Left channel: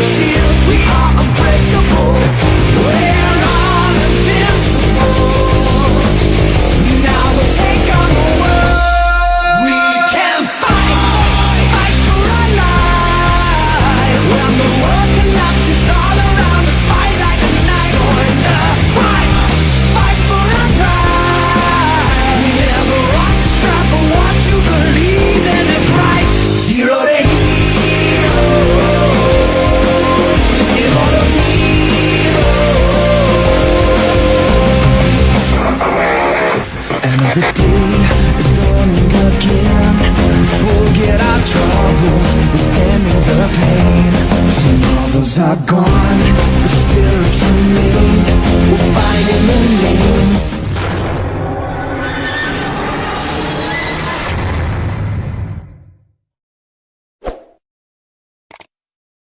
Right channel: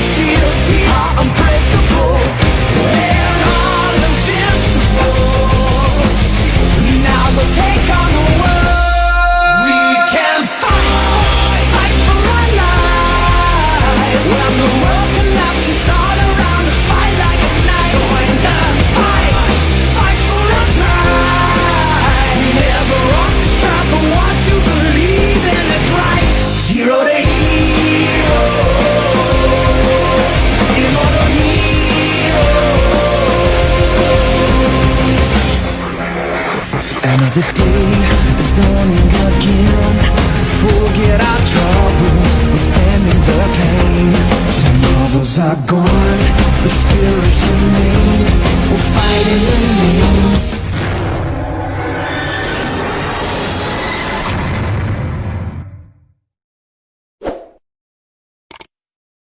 and shield. We are unbreakable. We're all invincible. Now they'll take on the world. We can fight, fight for our lives. When the world collapses all around us, fight like a knight. Join the fight, fight for our pride. Never off the strap for what you believe in is right. Zero to hero, immortal hero. Another day is dawning again. Forget our troubles, we're standing the pain. Some others are gone, but spirits remain. We'll fight in the name